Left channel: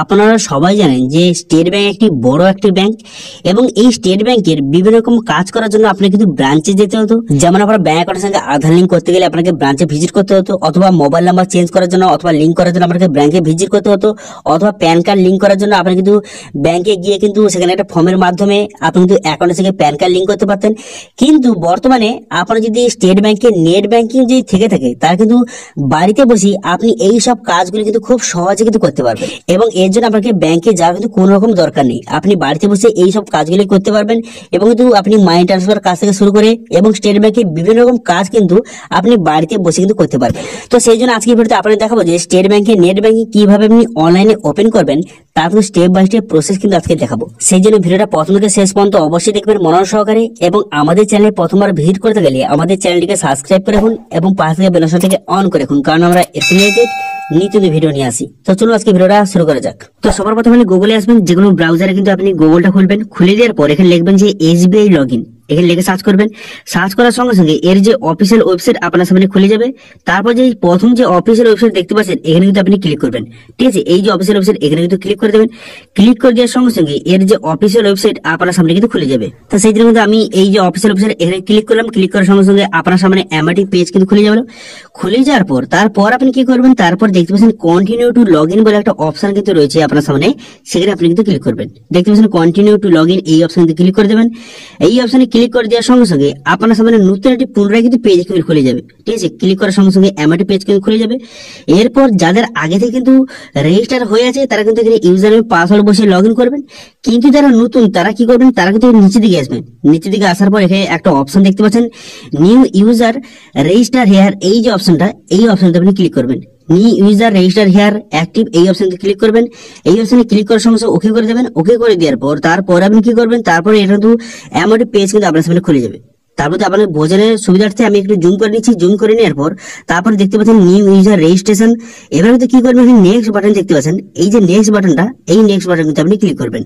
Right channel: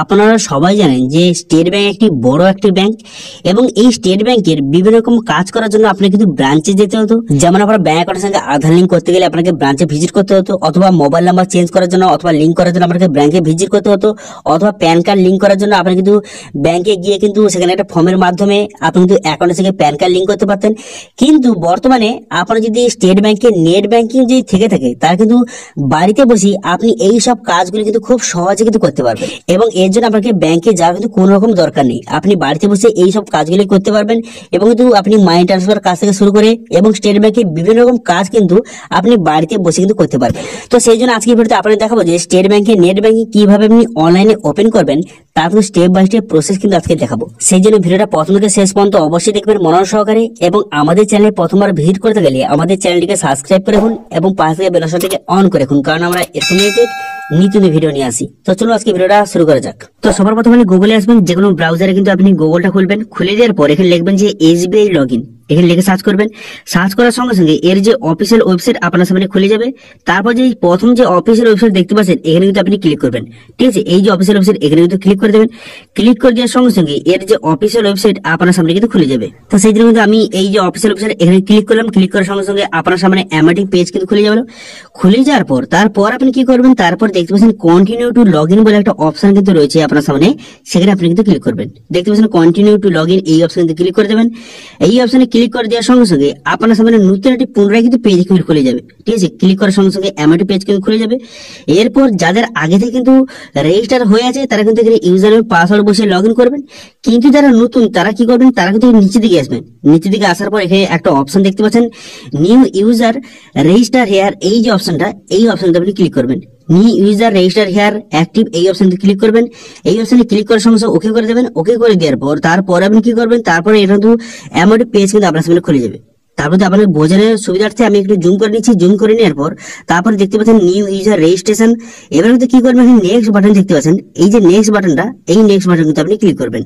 আপনারা সবাই জানেন যে স্টেট ব্যাংক একটি বড় একটি ব্যাংক এবং এই স্টেট ব্যাংকের বিভিন্ন রকম কাজ করার জন্য আপনাকে কিন্তু ব্রাঞ্চে যেতে হতো। যেমন আপনার ব্যাংক অ্যাকাউন্টের সঙ্গে আধার লিঙ্ক করতে গেলে আপনাকে ব্রাঞ্চে ভিজিট করতে হতো, অথবা মোবাইল নাম্বার চেঞ্জ করার জন্য অথবা লিঙ্ক করার জন্য আপনাকে ব্যাংকে ভিজিট করতে হতো, অথবা প্যান কার্ড লিঙ্ক করার জন্য আপনি কিন্তু ব্যাংকে গিয়ে কিন্তু সেখানে একটা ফর্মের মাধ্যমে আপনি কিন্তু অ্যাকাউন্টের সঙ্গে প্যান কার্ড লিঙ্ক করতে পারতেন। কিন্তু বর্তমানে আপনার যদি স্টেট ব্যাংকের নেট ব্যাংকিং যদি থেকে থাকে তার কিন্তু বাড়িতে বসে আপনি এই সব কাজগুলো কিন্তু খুব সহজে কিন্তু করতে পারবেন এবং এর জন্য আপনাকে ব্যাংকে যাওয়ার কিন্তু কোনো রকম দরকার নেই। আপনি বাড়িতে বসে এই সব কাজগুলি করতে পারবেন এবং কিন্তু আপনি মানি ট্রান্সফার কাজ থেকে শুরু করে এবং স্টেট ব্যাংকের বিভিন্ন রকম কাজ কিন্তু আপনি বাড়িতে বসে কিন্তু করতে পারবেন। তো সেই জন্য আজকে ভিডিওতে আপনাদের দেখাবো যে স্টেট ব্যাংকের নেট ব্যাংকিং কিভাবে আপনি অনলাইনে ওপেন করবেন, তার কিন্তু স্টেপ বাই স্টেপ প্রসেস কিন্তু আজকে দেখাবো। সেই জন্য ভিডিওটা প্রথম থেকে শেষ পর্যন্ত অবশ্যই দেখবেন মনোযোগ সহকারে এবং আমাদের চ্যানেলে প্রথমবার ভিজিট করতে গেলে আমাদের চ্যানেলটিকে সাবস্ক্রাইব করে রাখুন এবং পাশে থেকে বেল আইকনটিকে অন করে রাখুন, কারণ আমরা রিলেটেড নিত্য ভিডিও নিয়ে আসি। তো চলুন আজকে ভিডিওটা শুরু করা যাক। তো সবার প্রথমে গুগলে আসবেন, যে কোনো ব্রাউজারে কিন্তু আপনি গুগলটা খুলবেন, খুলে দেওয়ার পর এখানে লিখবেন যে এসবিআই লগইন, এখানে লিখে সার্চ করবেন। সার্চ করার সঙ্গে সঙ্গে এর যে অফিসিয়াল ওয়েবসাইট আপনার সামনে খুলে যাবে। তারপর যে প্রথম যে অফিসিয়াল ওয়েবসাইট দেখতে পাচ্ছেন এখানে কিন্তু আপনি ক্লিক করবেন। ঠিক আছে, এই যে অফিসিয়াল ওয়েবসাইট এখানে কিন্তু ক্লিক করে দেবেন। ক্লিক করে দেওয়ার সঙ্গে সঙ্গে এর যে অফিসিয়াল ওয়েবসাইট আপনার সামনে কিন্তু খুলে যাবে। তো সেই জন্য কিন্তু আমি এই যে অফিসিয়াল ওয়েবসাইট এখানে ক্লিক করলাম। ক্লিক করার সঙ্গে সঙ্গে আপনার সামনে অ্যামাটিক পেজ কিন্তু খুলে যাবে। খুলে যাওয়ার পর তারপর আপনি কি করবেন, তারপর দেখতে পাচ্ছেন কন্টিনিউ টু লগ ইন বলে একটা অপশন কিন্তু রয়েছে আপনার সামনে, সেখানে আপনি কিন্তু ক্লিক করবেন। দেখতে পাচ্ছেন কন্টিনিউ টু লগ ইন, এই অপশনে ক্লিক করে দেবেন। এই অপশনে ক্লিক করে দেওয়ার সঙ্গে সঙ্গে আপনার সামনে নতুন একটি পুনরায় কিন্তু পেজ কিন্তু খুলে যাবে। ঠিক আছে, ক্লিক করার সঙ্গে সঙ্গে অ্যামাটিক পেজ কিন্তু খুলে যাবে। এরপর যাদের আগে থেকে কিন্তু রেজিস্টার হয়ে আছে তারা কিন্তু এখানে ইউজার নেম পাসওয়ার্ড বসে লগ ইন করবেন। কিন্তু যারা নতুন তারা কি করবেন, তারা কিন্তু নিচের দিকে আসবেন। নিচের দিকে আসার পর এখানে একটা অপশন দেখতে পাচ্ছেন নিউ ইউজার রেজিস্টার হেয়ার, এই যে অপশনটা এই অপশনটা আপনি ক্লিক করবেন। New user register here active, এই অপশনে ক্লিক করবেন। এই অপশনে ক্লিক করার সঙ্গে সঙ্গে ওকে করে দেবেন। ওকে করে দেওয়ার পর তারপর আপনি কি করবেন, তারপরে এটা কিন্তু অ্যামাউন্ট পেজ কিন্তু আপনার সামনে খুলে যাবে। তারপর আপনার বোঝানোর সুবিধার্থে আমি একটু জুম করে নিচ্ছি। জুম করে নেওয়ার পর তারপরে দেখতে পাচ্ছেন নিউ ইউজার রেজিস্ট্রেশন। এবার কিন্তু কি করবেন, নেক্সট বাটন দেখতে পাচ্ছেন, এই যে নেক্সট বাটনটা, এই নেক্সট বাটন কিন্তু আপনি ক্লিক করবেন।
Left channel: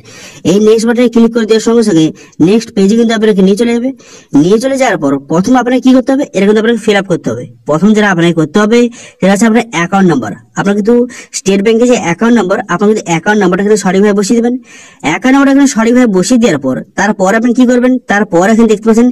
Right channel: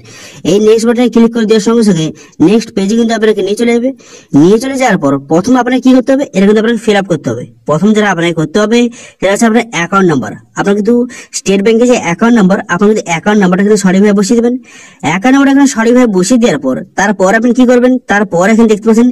এই নেক্সট বাটনে ক্লিক করে দেওয়ার সঙ্গে সঙ্গে নেক্সট পেজে কিন্তু আপনাকে নিয়ে চলে যাবে। নিয়ে চলে যাওয়ার পর প্রথম আপনাকে কি করতে হবে, এটা কিন্তু আপনাকে ফিল আপ করতে হবে। প্রথম যেটা আপনাকে করতে হবে সেটা হচ্ছে আপনার অ্যাকাউন্ট নাম্বার। আপনার কিন্তু স্টেট ব্যাংকের যে অ্যাকাউন্ট নাম্বার, আপনি কিন্তু অ্যাকাউন্ট নাম্বারটা কিন্তু সঠিকভাবে বসিয়ে দেবেন। অ্যাকাউন্ট নাম্বারটা এখানে সঠিকভাবে বসিয়ে দেওয়ার পর তারপর আপনি কি করবেন, তারপর এখানে দেখতে পাচ্ছেন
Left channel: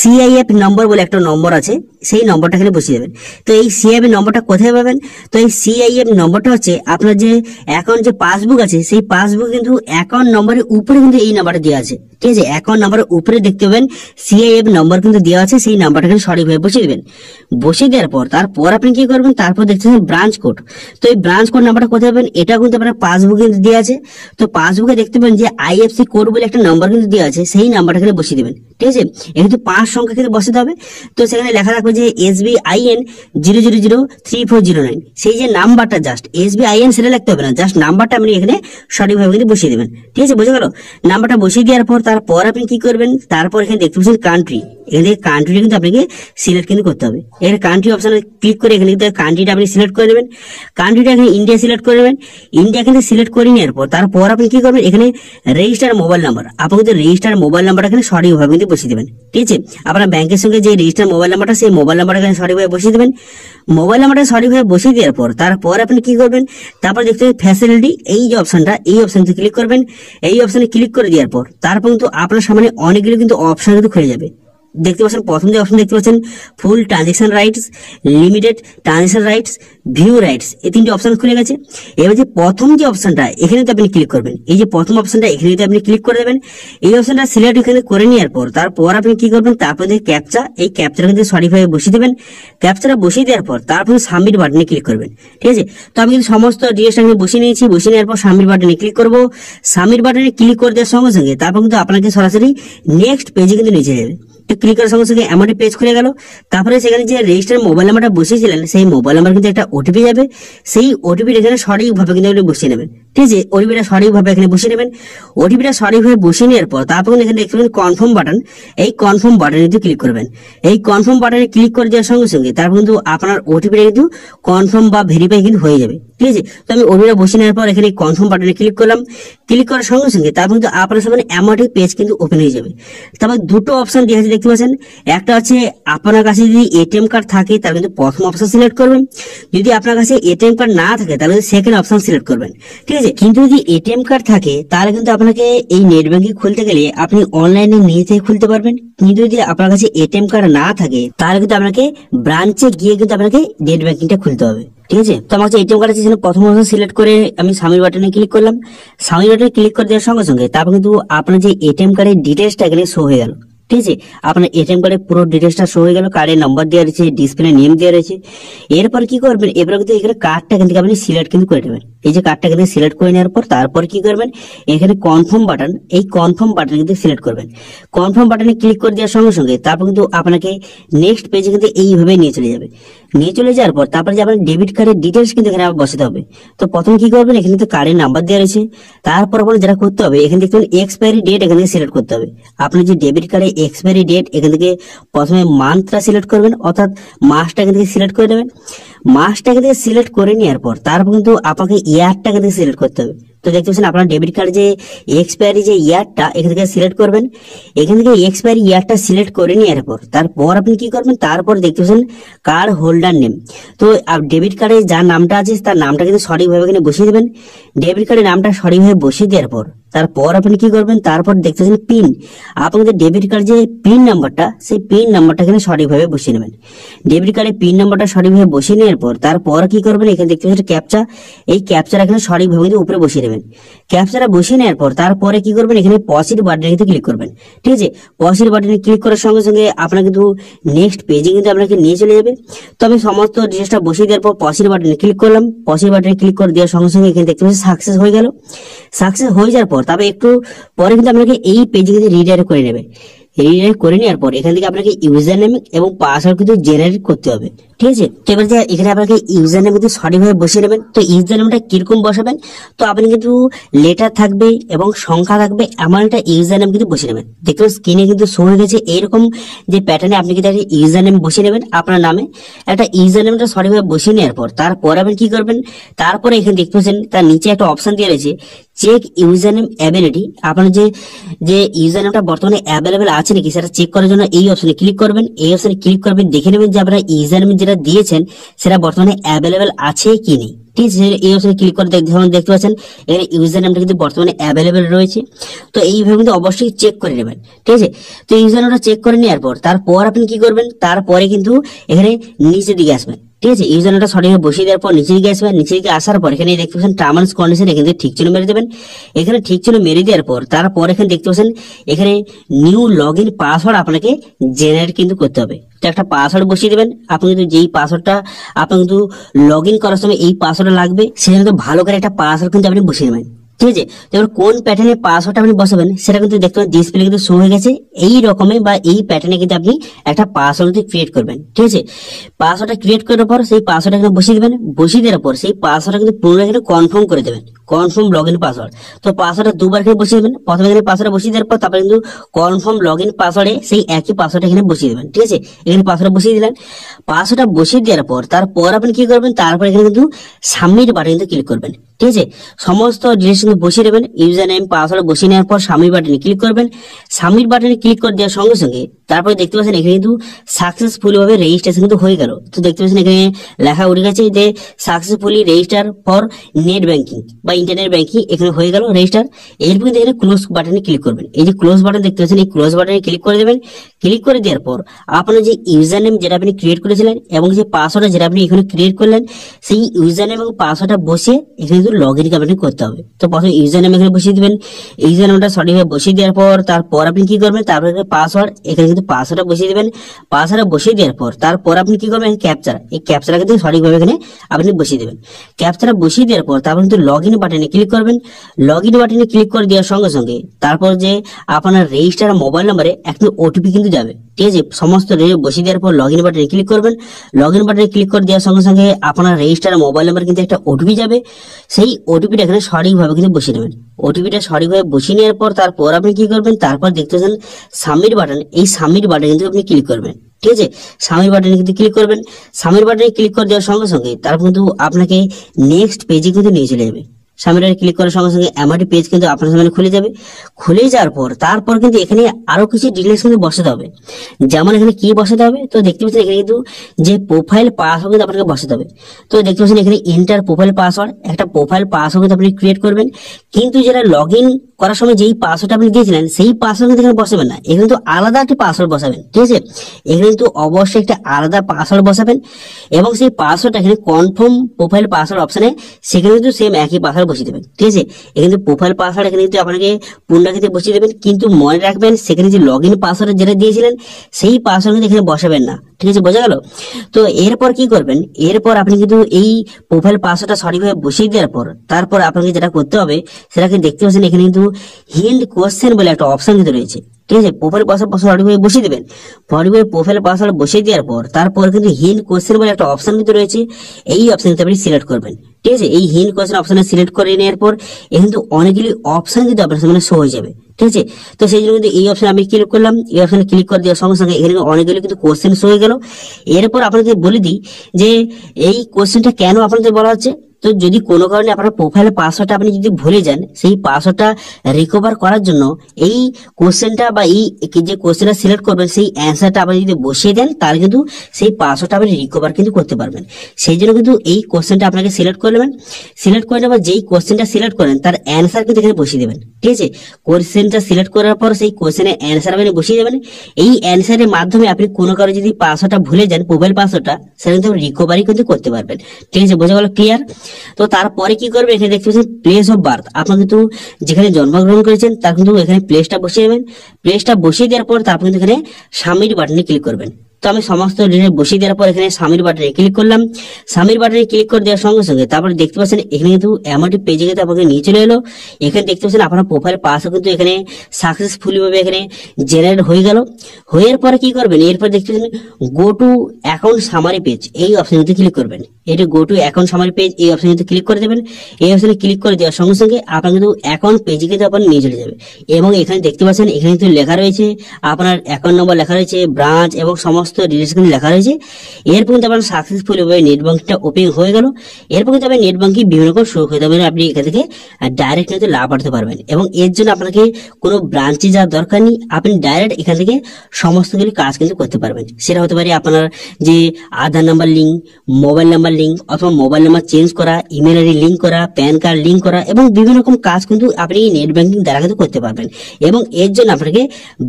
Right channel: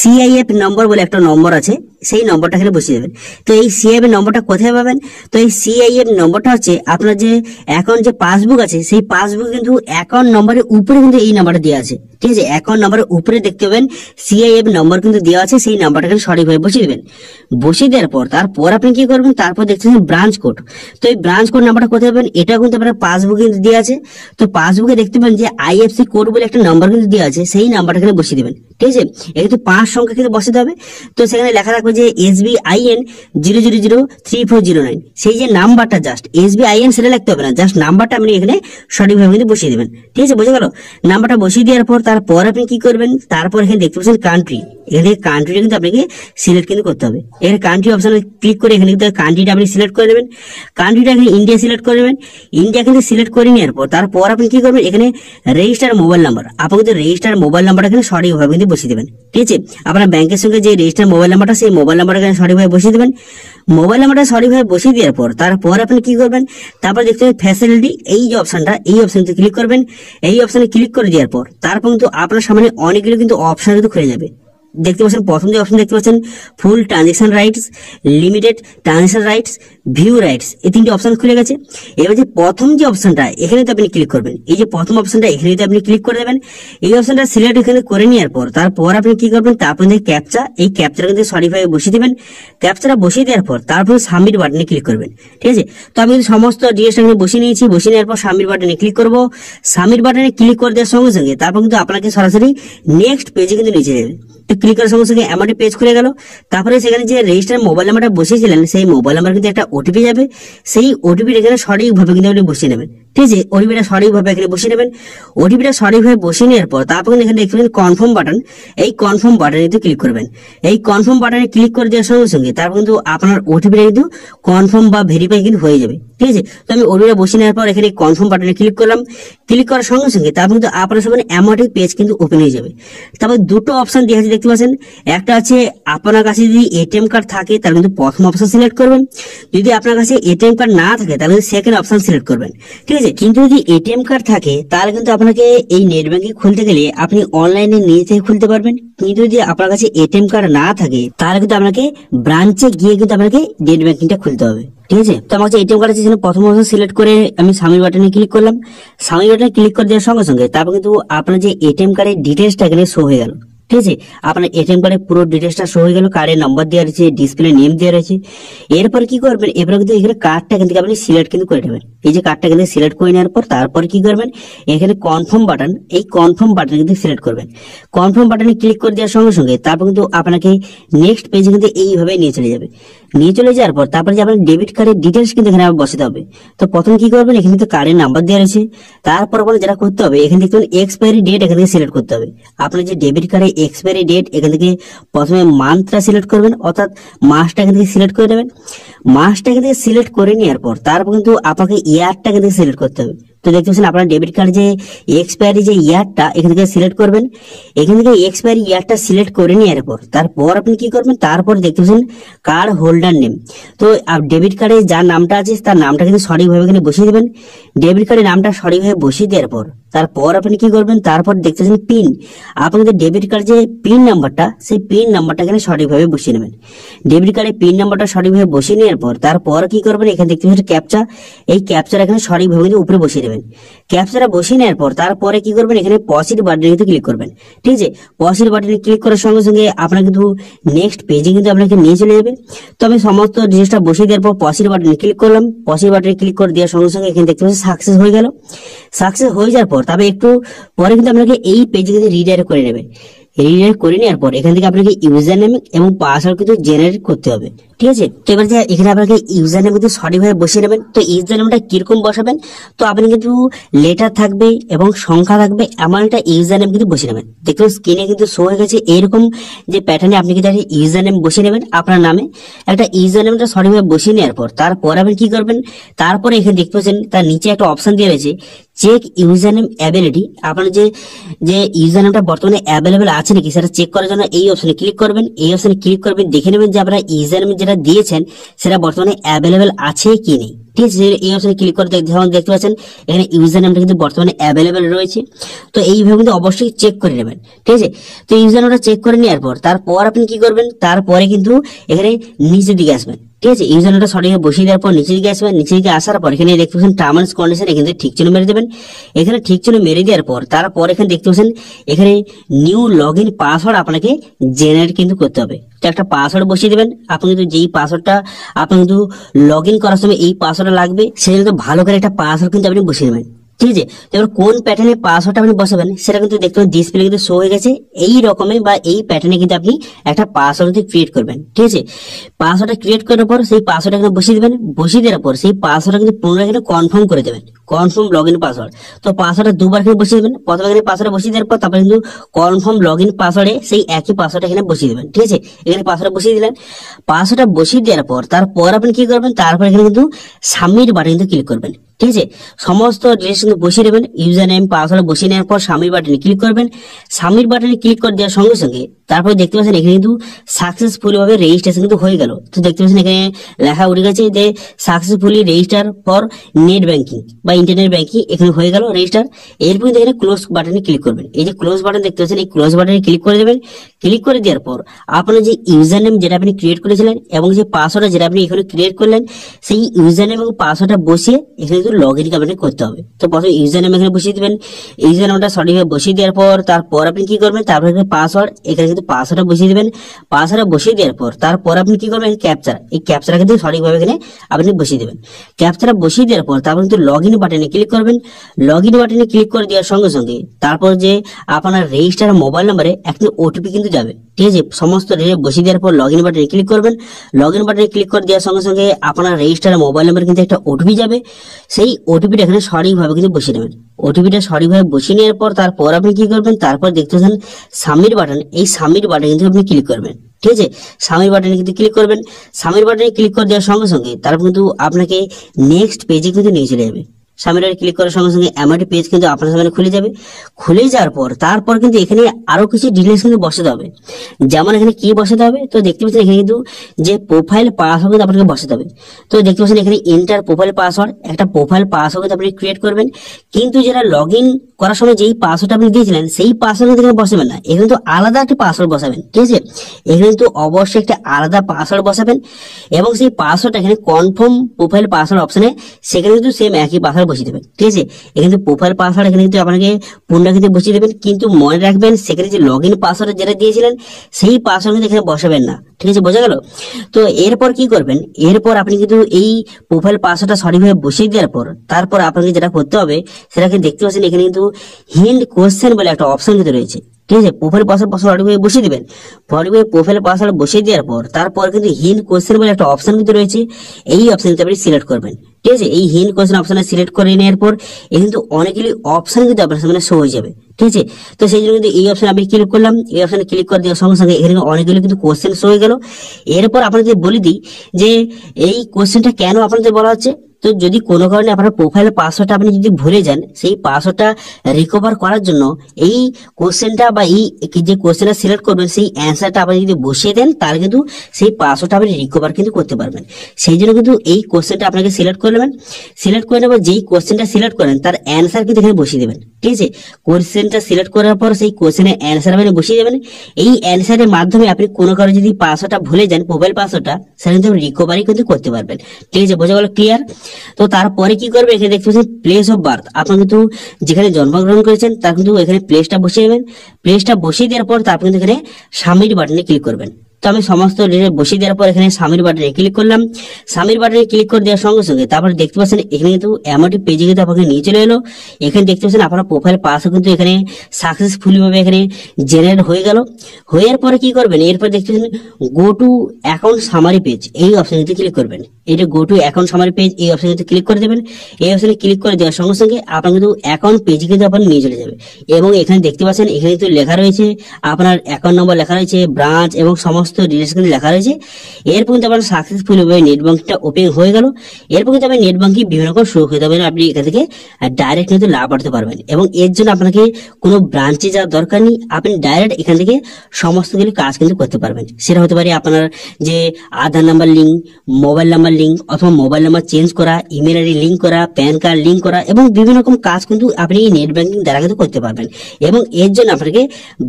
সিআইএফ নম্বর বলে একটা নম্বর আছে, সেই নম্বরটা এখানে বসিয়ে দেবেন। তো এই সিআইএফ নম্বরটা কোথায় পাবেন, তো এই সিআইএফ নম্বরটা হচ্ছে আপনার যে অ্যাকাউন্ট যে পাসবুক আছে সেই পাসবুক কিন্তু অ্যাকাউন্ট নম্বরের উপরে কিন্তু এই নাম্বারটা দেওয়া আছে। ঠিক আছে, অ্যাকাউন্ট নাম্বারের উপরে দেখতে পাবেন সিআইএফ নম্বর কিন্তু দেওয়া আছে, সেই নাম্বারটা কিন্তু সঠিকভাবে বসিয়ে দেবেন। বসিয়ে দেওয়ার পর তারপর আপনি কি করবেন, তারপর দেখছেন ব্রাঞ্চ কোড। তো এই ব্রাঞ্চ কোড নাম্বারটা কোথায় পাবেন, এটাও কিন্তু আপনার পাসবুকে কিন্তু দেওয়া আছে। তো পাসবুকে দেখতে পাবেন যে আইএফসি কোড বলে একটা নাম্বার কিন্তু দেওয়া আছে, সেই নাম্বারটা এখানে বসিয়ে দেবেন। ঠিক আছে, এটা কিন্তু 5 সংখ্যা কিন্তু বসাতে হবে। তো সেখানে লেখা রাখবে যে SBIN 0003409, সেই যে নাম্বারটা জাস্ট SBIN সেটা লিখতে হবে না, জাস্ট নাম্বারটা আপনি এখানে সঠিকভাবে কিন্তু বসিয়ে দেবেন। ঠিক আছে, বোঝা গেল। নাম্বারটা বসিয়ে দেওয়ার পর তারপর আপনি কি করবেন, তারপর এখানে দেখতে পাচ্ছেন কান্ট্রি, এখান থেকে কান্ট্রিটা কিন্তু আপনাকে সিলেক্ট কিন্তু করতে হবে। এখানে কান্ট্রি অপশনে ক্লিক করে এখানে কিন্তু কান্ট্রিটা আপনি সিলেক্ট করে দেবেন। কান্ট্রিটা এখানে ইন্ডিয়া সিলেক্ট করে দেবেন। ইন্ডিয়া কিন্তু সিলেক্ট করে নেওয়ার পর তারপর আপনি কি করবেন, এখানে রেজিস্টার মোবাইল নাম্বার, আপনি কিন্তু রেজিস্টার মোবাইল নাম্বারটা এখানে সঠিকভাবে কিন্তু বসিয়ে দেবেন। ঠিক আছে, আপনার ব্যাংকের সঙ্গে যে রেজিস্টার মোবাইল নাম্বারটা সেই মোবাইল নাম্বারটা এখানে সঠিকভাবে বসিয়ে দেবেন। মোবাইল নাম্বারটা সঠিকভাবে বসিয়ে দেওয়ার পর তারপর আপনি কি করবেন, তারপর দেখতে পাবেন ফ্যাসিলিটি, এই যে অপশনটা এই অপশনতে ক্লিক করবেন। এই অপশনে ক্লিক করে দেওয়ার পর তারপর কিন্তু আপনার সামনে অনেকগুলো কিন্তু অপশন কিন্তু খুলে যাবে। দেখতে পাচ্ছেন প্রথম যে অপশন দেখতে পাচ্ছেন full transaction rights, limited transaction rights, view rights, এই তিনটি অপশন খুলে গেছে। এবার যে প্রথম যে অপশনটা এখানে আপনি ক্লিক করবেন, এই যে প্রথম অপশনটা এখানে আপনি ক্লিক করে দেবেন। এই অপশনটা সিলেক্ট এখানে করে নেওয়ার পর তারপর আপনি কি করবেন, তারপর ক্যাপচা, এই ক্যাপচাটা কিন্তু সঠিকভাবে বসিয়ে দেবেন। ক্যাপচাটা বসিয়ে দেওয়ার পর তারপর সাবমিট বাটনে ক্লিক করবেন। ঠিক আছে, তো আমি কিন্তু সমস্ত ডিটেইলস এখানে বসিয়ে নিয়েছি। বসিয়ে নেওয়ার পর সাবমিট বাটনে ক্লিক করব। সাবমিট বাটনে ক্লিক করে দেওয়ার সঙ্গে সঙ্গে তারপর কিন্তু আপনাকে সরাসরি নেক্সট পেজে কিন্তু নিচে যাবে। ক্লিক করার সঙ্গে সঙ্গে এমআরটি পেজ খুলে গেল। তারপরে সেখানে যে রেজিস্টার মোবাইল নাম্বারটা বসিয়েছিলেন সেই মোবাইল নাম্বার কিন্তু একটা ওটিপি যাবে, সেই ওটিপি এখানে সঠিকভাবে কিন্তু আপনি বসিয়ে নেবেন। ঠিক আছে, ওটিপিটা সঠিকভাবে এখানে বসিয়ে নেবেন। ওটিপিটা সঠিকভাবে বসিয়ে নেওয়ার পর তারপর এখানে দেখতে পাবেন কনফার্ম বাটন, এই কনফার্ম বাটনে ক্লিক করবেন। এই কনফার্ম বাটনে ক্লিক করে দেওয়ার সঙ্গে সঙ্গে তারপর কিন্তু আপনার ওটিপিটা কিন্তু কনফার্ম বা ভেরিফাই কিন্তু হয়ে যাবে। ঠিক আছে, তো আমি ওটিপিটা বসিয়ে নেওয়ার পর এখানে কনফার্ম বাটনে ক্লিক করলাম। ক্লিক করার সঙ্গে সঙ্গে তারপর কিন্তু আপনার সামনে অ্যামাউন্ট পেজ কিন্তু ওপেন হয়ে যাবে। তারপর দুটো অপশন দেখাচ্ছে দেখতে পাচ্ছেন, একটা আছে আপনার কাছে যদি এটিএম কার্ড থাকে তাহলে কিন্তু প্রথম অপশন সিলেক্ট করবেন, যদি আপনার কাছে এটিএম কার্ড না থাকে তাহলে সেকেন্ড অপশন সিলেক্ট করবেন। ঠিক আছে। কিন্তু যদি এটিএম কার্ড থাকে তাহলে কিন্তু আপনাকে এই নেট ব্যাংকিং খুলতে গেলে আপনি অনলাইনে নিয়ে থেকে খুলতে পারবেন। কিন্তু যদি আপনার কাছে এটিএম কার্ড না থাকে তাহলে কিন্তু আপনাকে ব্রাঞ্চে গিয়ে কিন্তু আপনাকে নেট ব্যাংকিংটা খুলতে হবে। ঠিক আছে, তো আমার এটিএম কার্ড আছে প্রথম সিলেক্ট করে আমি সাবমিট বাটনে ক্লিক করলাম। সাবমিট বাটনে ক্লিক করে দেওয়ার সঙ্গে সঙ্গে তারপর কিন্তু আপনার যে এটিএম কার্ডের ডিটেলসটা এখানে শো হয়ে গেল। ঠিক আছে, আপনার এটিএম কার্ডের পুরো ডিটেলসটা শো হয়ে গেল, কার্ডের নাম্বার দেওয়া রয়েছে, ডিসপ্লে নেম দেওয়া রয়েছে। এরপর কি করবেন, এবার কিন্তু এখানে কার্ডটা এখান থেকে আপনি সিলেক্ট কিন্তু করে নেবেন। এই যে কার্ডটা এখানে সিলেক্ট করে নেওয়ার পর তারপর কি করবেন, এখানে কনফার্ম বাটন, এই কনফার্ম বাটন কিন্তু সিলেক্ট করবেন। কনফার্ম বাটনে ক্লিক করে দেওয়ার সঙ্গে সঙ্গে তারপর কিন্তু আপনাকে নেক্সট পেজে কিন্তু এইভাবে নিয়ে চলে যাবে। নিয়ে চলে যাওয়ার পর তারপরে যে আপনার ডেবিট কার্ডের ডিটেলস কিন্তু এখানে বসাতে হবে। তো প্রথম কি করবেন, এখানে তো কার্ডের নাম্বার দেওয়া রয়েছে। তারপর আপনার যেটা করতে হবে, এখানে দেখবেন এক্সপায়ারি ডেট এখানে সিলেক্ট করতে হবে। আপনার যে ডেবিট কার্ডের এক্সপায়ারি ডেট এখান থেকে প্রথমে মান্থটা সিলেক্ট করবেন, অর্থাৎ মাসটা এখান থেকে সিলেক্ট করে নেবেন। মাসটা এখান থেকে সিলেক্ট করে নেওয়ার পর তারপর কিন্তু আপনাকে ইয়ারটা এখান থেকে সিলেক্ট করতে হবে। তো দেখতে পাচ্ছেন আপনার ডেবিট কার্ড যে এক্সপায়ারি যে ইয়ারটা এখান থেকে সিলেক্ট করবেন। এখান থেকে এক্সপায়ারি ইয়ারটা সিলেক্ট করে নেওয়ার পর তারপর আপনি কি করবেন, তারপর দেখতে পাচ্ছেন কার্ড হোল্ডার নেম। তো ডেবিট কার্ডে যার নামটা আছে তার নামটা কিন্তু সঠিকভাবে এখানে বসিয়ে দেবেন। ডেবিট কার্ডের নামটা সঠিকভাবে বসিয়ে দেওয়ার পর তারপর আপনি কি করবেন, তারপর দেখতে পাচ্ছেন পিন, আপনাদের ডেবিট কার্ড যে পিন নাম্বারটা সেই পিন নাম্বারটা এখানে সঠিকভাবে বসিয়ে নেবেন। ডেবিট কার্ডের পিন নাম্বারটা সঠিকভাবে বসিয়ে নেওয়ার পর তারপর কি করবেন, এখানে দেখতে পাচ্ছেন ক্যাপচা, এই ক্যাপচাটা এখানে সঠিকভাবে উপরে বসিয়ে দেবেন। ক্যাপচাটা বসিয়ে নেওয়ার পর তারপরে কি করবেন, এখানে পজিটিভ বাটনে কিন্তু ক্লিক করবেন। ঠিক আছে, পজিটিভ বাটনে ক্লিক করার সঙ্গে সঙ্গে আপনার কিন্তু নেক্সট পেজে কিন্তু আপনাকে নিয়ে চলে যাবে। তো আমি সমস্ত ডিটেলসটা বসিয়ে দেওয়ার পর পজিটিভ বাটনে ক্লিক করলাম। পজিটিভ বাটনে ক্লিক করে দেওয়ার সঙ্গে সঙ্গে এখানে দেখতে পাচ্ছেন সাকসেস হয়ে গেল। সাকসেস হয়ে যাওয়ার পর তবে একটু পরে কিন্তু আপনাকে এই পেজে কিন্তু রিডাইরেক্ট করে নেবে। রিডাইরেক্ট করে নেওয়ার পর এখান থেকে আপনাকে ইউজার নেম এবং পাসওয়ার্ড কিন্তু জেনারেট করতে হবে। ঠিক আছে, তো এবার যে এখানে আপনাকে ইউজার নেম কিন্তু সঠিকভাবে বসিয়ে নেবেন। তো ইউজার নেমটা কিরকম বসাবেন, তো আপনি কিন্তু লেটার থাকবে এবং সংখ্যা থাকবে এমন একটা ইউজার নেম কিন্তু বসিয়ে নেবেন। দেখুন স্ক্রিনে কিন্তু শো হয়ে গেছে এরকম যে প্যাটার্নে আপনি কিন্তু একটা ইউজার নেম বসিয়ে নেবেন। আপনার নামে একটা ইউজার নেমটা সঠিকভাবে বসিয়ে নেওয়ার পর তারপর আপনি কি করবেন, তারপরে এখানে দেখতে পাচ্ছেন তার নিচে একটা অপশন দেওয়া রয়েছে চেক ইউজার নেম অ্যাভেলেবিলিটি। আপনার যে ইউজার নেমটা বর্তমানে অ্যাভেলেবেল আছে নাকি সেটা চেক করার জন্য এই অপশনে ক্লিক করবেন। এই অপশনে ক্লিক করবেন, দেখে নেবেন যে আপনার ইউজার নেম যেটা দিয়েছেন সেটা বর্তমানে অ্যাভেলেবেল আছে কি নেই। ঠিক আছে, এই অপশনে ক্লিক করে দেখতে পাচ্ছেন এখানে ইউজার নেমটা কিন্তু বর্তমানে অ্যাভেলেবেল রয়েছে। তো এইভাবে কিন্তু অবশ্যই চেক করে নেবেন। ঠিক আছে, তো ইউজার নেমটা চেক করে নেওয়ার পর তারপর আপনি কি করবেন, তারপরে কিন্তু এখানে নিচের দিকে আসবেন। ঠিক আছে, ইউজার নেমটা সঠিকভাবে বসিয়ে দেওয়ার পর নিচে দিকে আসবেন। নিচে দিকে আসার পর এখানে দেখতে পাচ্ছেন টার্ম এন্ড কন্ডিশন, এখানে ঠিক চিহ্ন মেরে দেবেন। এখানে ঠিক চিহ্ন মেরে দেওয়ার পর তারপর এখানে দেখতে পাচ্ছেন এখানে নিউ লগ ইন পাসওয়ার্ড আপনাকে জেনারেট কিন্তু করতে হবে। তো একটা পাসওয়ার্ড বসিয়ে দেবেন। আপনি কিন্তু যেই পাসওয়ার্ডটা আপনি কিন্তু লগ ইন করার সময় এই পাসওয়ার্ডটা লাগবে, সেই জন্য ভালো করে একটা পাসওয়ার্ড কিন্তু আপনি বসিয়ে নেবেন। ঠিক আছে, তো এবার কোন প্যাটার্নে পাসওয়ার্ডটা আপনি বসাবেন সেটা কিন্তু দেখতে পাবেন ডিসপ্লে কিন্তু শো হয়ে গেছে। এই রকমের বা এই প্যাটার্নে কিন্তু আপনি একটা পাসওয়ার্ড ক্রিয়েট করবেন। ঠিক আছে, পাসওয়ার্ডটা ক্রিয়েট করার পর সেই পাসওয়ার্ডটা কিন্তু বসিয়ে দেবেন। বসিয়ে দেওয়ার পর সেই পাসওয়ার্ডটা কিন্তু পুনরায় কিন্তু কনফার্ম করে দেবেন, কনফার্ম লগ ইন পাসওয়ার্ড। তো পাসওয়ার্ডটা দুবার কিন্তু বসিয়ে দেবেন। প্রথমে এখানে পাসওয়ার্ড বসিয়ে দেওয়ার পর তারপরে কিন্তু কনফার্ম লগ ইন পাসওয়ার্ডে সেই একই পাসওয়ার্ডটা এখানে বসিয়ে দেবেন। ঠিক আছে, এখানে পাসওয়ার্ডটা বসিয়ে দিলেন। পাসওয়ার্ডটা বসিয়ে দেওয়ার পর তারপর আপনি কি করবেন, তারপর এখানে কিন্তু সাবমিট বাটনে কিন্তু ক্লিক করবেন। ঠিক আছে, সমস্ত ডিটেইলস কিন্তু বসিয়ে দেবেন। ইউজার নেম পাসওয়ার্ড বসিয়ে নেওয়ার পর সাবমিট বাটনে ক্লিক করবেন। সাবমিট বাটনে ক্লিক করে দেওয়ার সঙ্গে সঙ্গে তারপরে দেখতে পাচ্ছেন এখানে কিন্তু সাকসেসফুলি ভাবে রেজিস্ট্রেশন কিন্তু হয়ে গেল। তো দেখতে পাচ্ছেন এখানে লেখা উঠে গেছে যে successfully register for net banking বা ইন্টারনেট ব্যাংকিং, এখানে হয়ে গেল রেজিস্টার। এরপর এখানে ক্লোজ বাটনে ক্লিক করবেন। এই যে ক্লোজ বাটন দেখতে পাচ্ছেন, এই ক্লোজ বাটনে ক্লিক করে দেবেন। ক্লিক করে দেওয়ার পর আপনার যে ইউজার নেম যেটা আপনি ক্রিয়েট করেছিলেন এবং যে পাসওয়ার্ড যেটা আপনি এখানে ক্রিয়েট করলেন সেই ইউজার নেম এবং পাসওয়ার্ডটা বসিয়ে এখানে কিন্তু লগ ইন আপনি করতে হবে। তো প্রথমে ইউজার নেম এখানে বসিয়ে দিবেন। ইউজার নেমটা সঠিকভাবে বসিয়ে দেওয়ার পর তারপর আপনি কি করবেন, তারপর পাসওয়ার্ড এখানে কিন্তু পাসওয়ার্ডটা বসিয়ে দিবেন। পাসওয়ার্ডটা বসিয়ে দেওয়ার পর তারপর আপনি কি করবেন, ক্যাপচার, এই ক্যাপচারটা কিন্তু সঠিকভাবে এখানে আপনি বসিয়ে দেবেন। ক্যাপচারটা বসিয়ে দেওয়ার পর তারপর কিন্তু লগ ইন বাটনে ক্লিক করবেন। লগ ইন বাটনে ক্লিক করে দেওয়ার সঙ্গে সঙ্গে তারপর যে আপনার রেজিস্টার মোবাইল নম্বরে একটা ওটিপি কিন্তু যাবে। ঠিক আছে, সমস্ত বসিয়ে দেওয়ার পর লগ ইন বাটনে ক্লিক করবেন। লগ ইন বাটনে ক্লিক করে দেওয়ার সঙ্গে সঙ্গে আপনার রেজিস্টার মোবাইল নম্বরে কিন্তু একটা ওটিপি যাবে। সেই ওটিপিটা এখানে সঠিকভাবে কিন্তু বসিয়ে নেবেন। ওটিপিটা সঠিকভাবে বসিয়ে নেওয়ার পর তারপর আপনি কি করবেন, তারপর দেখতে পাচ্ছেন সাবমিট বাটন, এই সাবমিট বাটনে কিন্তু আপনি ক্লিক করবেন। ঠিক আছে, সাবমিট বাটনে কিন্তু ক্লিক করবেন। সাবমিট বাটনে ক্লিক করে দেওয়ার সঙ্গে সঙ্গে তারপর কিন্তু আপনাকে নেক্সট পেজে কিন্তু নিয়ে চলে যাবে। সামনে ক্লিক করার সঙ্গে সঙ্গে এমআরটি পেজ কিন্তু আপনার সামনে খুলে যাবে। খুলে যাওয়ার পর তারপর কিন্তু এখানে আরো কিছু ডিটেলস কিন্তু বসাতে হবে। যেমন এখানে কি বসাতে হবে, তো দেখতে পাচ্ছেন এখানে কিন্তু যে প্রোফাইল পাসওয়ার্ড কিন্তু আপনাকে বসাতে হবে। তো দেখতে পাচ্ছেন এখানে এন্টার প্রোফাইল পাসওয়ার্ড, একটা প্রোফাইল পাসওয়ার্ড আপনি ক্রিয়েট করবেন। কিন্তু যেটা লগ ইন করার সময় যেই পাসওয়ার্ড আপনি দিয়েছিলেন সেই পাসওয়ার্ড কিন্তু এখানে বসাবেন না, এখানে তো আলাদা একটা পাসওয়ার্ড বসাবেন। ঠিক আছে, এখানে কিন্তু অবশ্যই একটা আলাদা পাসওয়ার্ড বসাবেন এবং সেই পাসওয়ার্ড এখানে কনফার্ম প্রোফাইল পাসওয়ার্ড অপশনে সেখানে কিন্তু সেম একই পাসওয়ার্ড বসিয়ে দেবেন। ঠিক আছে, এখানে প্রোফাইল পাসওয়ার্ড এখানে কিন্তু আপনাকে পুনরাবৃত্তি বসিয়ে দেবেন, কিন্তু মনে রাখবেন সেখানে যে লগ ইন পাসওয়ার্ড যেটা দিয়েছিলেন সেই পাসওয়ার্ড কিন্তু এখানে বসাবেন না। ঠিক আছে, বোঝা গেল? তো এরপর কি করবেন, এরপর আপনি কিন্তু এই প্রোফাইল পাসওয়ার্ডটা সঠিকভাবে বসিয়ে দেওয়ার পর তারপর আপনাকে যেটা করতে হবে সেটাকে দেখতে পাচ্ছেন এখানে কিন্তু হিন্ট কোশ্চেন বলে একটা অপশন কিন্তু রয়েছে। ঠিক আছে, প্রোফাইল পাসওয়ার্ড সঠিকভাবে বসিয়ে দেবেন। সঠিকভাবে প্রোফাইল পাসওয়ার্ড বসিয়ে দেওয়ার পর তারপর কিন্তু হিন্ট কোশ্চেন বলে একটা অপশন কিন্তু রয়েছে, এই অপশন আপনি সিলেক্ট করবেন। ঠিক আছে, এই হিন্ট কোশ্চেন অপশনে সিলেক্ট করে নেওয়ার পর এখানে কিন্তু অনেকগুলি অপশন কিন্তু আপনার সামনে শো হয়ে যাবে। ঠিক আছে, তো সেই জন্য কিন্তু এই অপশন আমি ক্লিক করলাম। এই অপশনে ক্লিক করে দেওয়ার সঙ্গে সঙ্গে এখানে অনেকগুলো কিন্তু কোশ্চেন শো হয়ে গেল। এরপর আপনাদের বলে দিই যে এই কোশ্চেনটা কেন আপনাদের বলা হচ্ছে। তো যদি কোনো কারণে আপনার প্রোফাইল পাসওয়ার্ডটা আপনি যদি ভুলে যান, সেই পাসওয়ার্ডটা রিকভার করার জন্য এই কোশ্চেনটা বা এই যে কোশ্চেনটা সিলেক্ট করবেন সেই অ্যান্সারটা আপনি যদি বসিয়ে দেন তাহলে কিন্তু সেই পাসওয়ার্ডটা আপনি রিকভার কিন্তু করতে পারবেন। সেই জন্য কিন্তু এই কোশ্চেনটা আপনাকে সিলেক্ট করে নেবেন। সিলেক্ট করে নেবার যেই কোশ্চেনটা সিলেক্ট করেন তার অ্যান্সার কিন্তু এখানে বসিয়ে দেবেন। ঠিক আছে, কোশ্চেনটা সিলেক্ট করার পর সেই কোশ্চেনের অ্যান্সার আপনি বসিয়ে দেবেন। এই অ্যান্সারের মাধ্যমে আপনি কোনো কারণে যদি পাসওয়ার্ডটা ভুলে যান, প্রোফাইল পাসওয়ার্ডটা, সেটা কিন্তু রিকভারি কিন্তু করতে পারবেন। ঠিক আছে, বোঝা গেল? ক্লিয়ার? তো তারপরে কি করবে, এখানে দেখতে পাচ্ছেন প্লেস অফ বার্থ, আপনার কিন্তু যেখানে জন্মগ্রহণ করেছেন তার কিন্তু এখানে প্লেসটা বসিয়ে দেবেন। প্লেসটা বসিয়ে দেওয়ার পর তারপর কিন্তু এখানে সাবমিট বাটনে ক্লিক করবেন। তো আমি সমস্ত ডিটেইলস বসিয়ে দেওয়ার পর এখানে সাবমিট বাটনে ক্লিক করলাম। সাবমিট বাটনে ক্লিক করে দেওয়ার সঙ্গে সঙ্গে তারপরে দেখতে পাচ্ছেন এখানে কিন্তু এমআরটি পেজে কিন্তু আপনাকে নিয়ে চলে এলো। এখানে দেখতে পাচ্ছেন আপনার প্রোফাইল পাসও কিন্তু এখানে সাকসেসফুলি ভাবে এখানে জেনারেট হয়ে গেল। হওয়ার পরে কি করবেন, এরপর দেখতে পাচ্ছেন go to account summary page, এই অপশনে ক্লিক করবেন। এটা go to account summary page, এই অপশনে ক্লিক করে দেবেন। এই অপশনে ক্লিক করে দেওয়ার সঙ্গে সঙ্গে আপনার কিন্তু অ্যাকাউন্ট পেজে কিন্তু আপনার নিয়ে চলে যাবে। এবং এখানে দেখতে পাচ্ছেন এখানে কিন্তু লেখা রয়েছে আপনার অ্যাকাউন্ট নম্বর লেখা রয়েছে, ব্রাঞ্চ এবং সমস্ত ডিটেইলস কিন্তু লেখা রয়েছে। এরপর কিন্তু আপনার সাকসেসফুল ভাবে নেট ব্যাংকিংটা ওপেন হয়ে গেল। এরপর কিন্তু আপনার নেট ব্যাংকিং বিভিন্ন রকম সুযোগ হয়ে যাবে, আপনি এখান থেকে ডাইরেক্ট কিন্তু লাভ করতে পারবেন। এবং এর জন্য আপনাকে কোনো ব্রাঞ্চে যাওয়ার দরকার নেই, আপনি ডাইরেক্ট এখান থেকে সমস্ত কিছু কাজ কিন্তু করতে পারবেন। সেটা হতে পারে আপনার যে Aadhaar number link, mobile number link, অথবা মোবাইল নাম্বার চেঞ্জ করা, ইমেল আইডি লিঙ্ক করা, প্যান কার্ড লিঙ্ক করা এবং বিভিন্ন রকম কাজ কিন্তু আপনি নেট ব্যাংকিং দ্বারা কিন্তু করতে পারবেন। এবং এর জন্য আপনাকে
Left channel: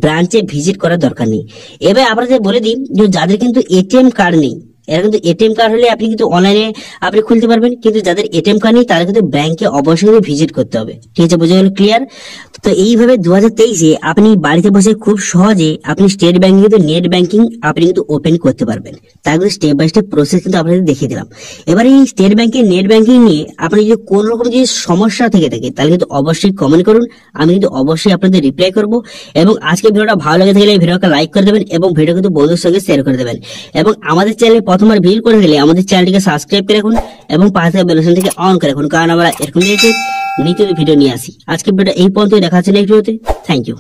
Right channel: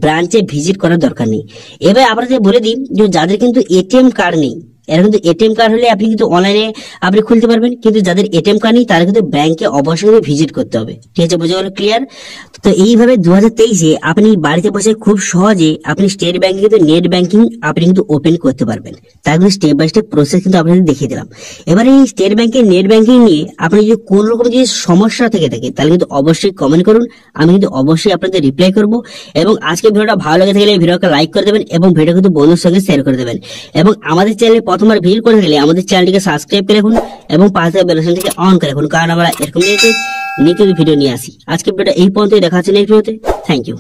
ব্রাঞ্চে ভিজিট করার দরকার নেই। এবার আপনাদের বলে দিই যে যাদের কিন্তু এটিএম কার্ড নেই, এরা কিন্তু এটিএম কার্ড হলে আপনি কিন্তু অনলাইনে আপনি খুলতে পারবেন, কিন্তু যাদের এটিএম কার্ড নেই তারা কিন্তু ব্যাংকে অবশ্যই ভিজিট করতে হবে। ঠিক আছে, বোঝা গেল? ক্লিয়ার? তো এইভাবে 2023-এ আপনি বাড়িতে বসে খুব সহজে আপনি স্টেট ব্যাংকে কিন্তু নেট ব্যাংকিং আপনি কিন্তু ওপেন করতে পারবেন। তার কিন্তু স্টেপ বাই স্টেপ প্রসেস কিন্তু আপনাদের দেখিয়ে দিলাম। এবার এই স্টেট ব্যাংকে নেট ব্যাংকিং নিয়ে আপনি যদি কোন রকম যদি সমস্যা থেকে থাকে তাহলে কিন্তু অবশ্যই কমেন্ট করুন, আমি কিন্তু অবশ্যই আপনাদের রিপ্লাই করব। এবং আজকে ভিডিওটা ভালো লেগে থাকলে ভিডিওটা লাইক করে দেবেন এবং ভিডিও কিন্তু বন্ধুদের সঙ্গে শেয়ার করে দেবেন। এবং আমাদের চ্যানেলে প্রথমবার ভিজিট করে গেলে আমাদের চ্যানেলটিকে সাবস্ক্রাইব করে রাখুন এবং পাশে থাকা বেল আইকনটিকে অন করে রাখুন, কারণ আমরা এরকম নিত্য ভিডিও নিয়ে আসি। আজকে ভিডিওটা এই পর্যন্ত, দেখা হচ্ছে নেক্সট ভিডিওতে। Thank you.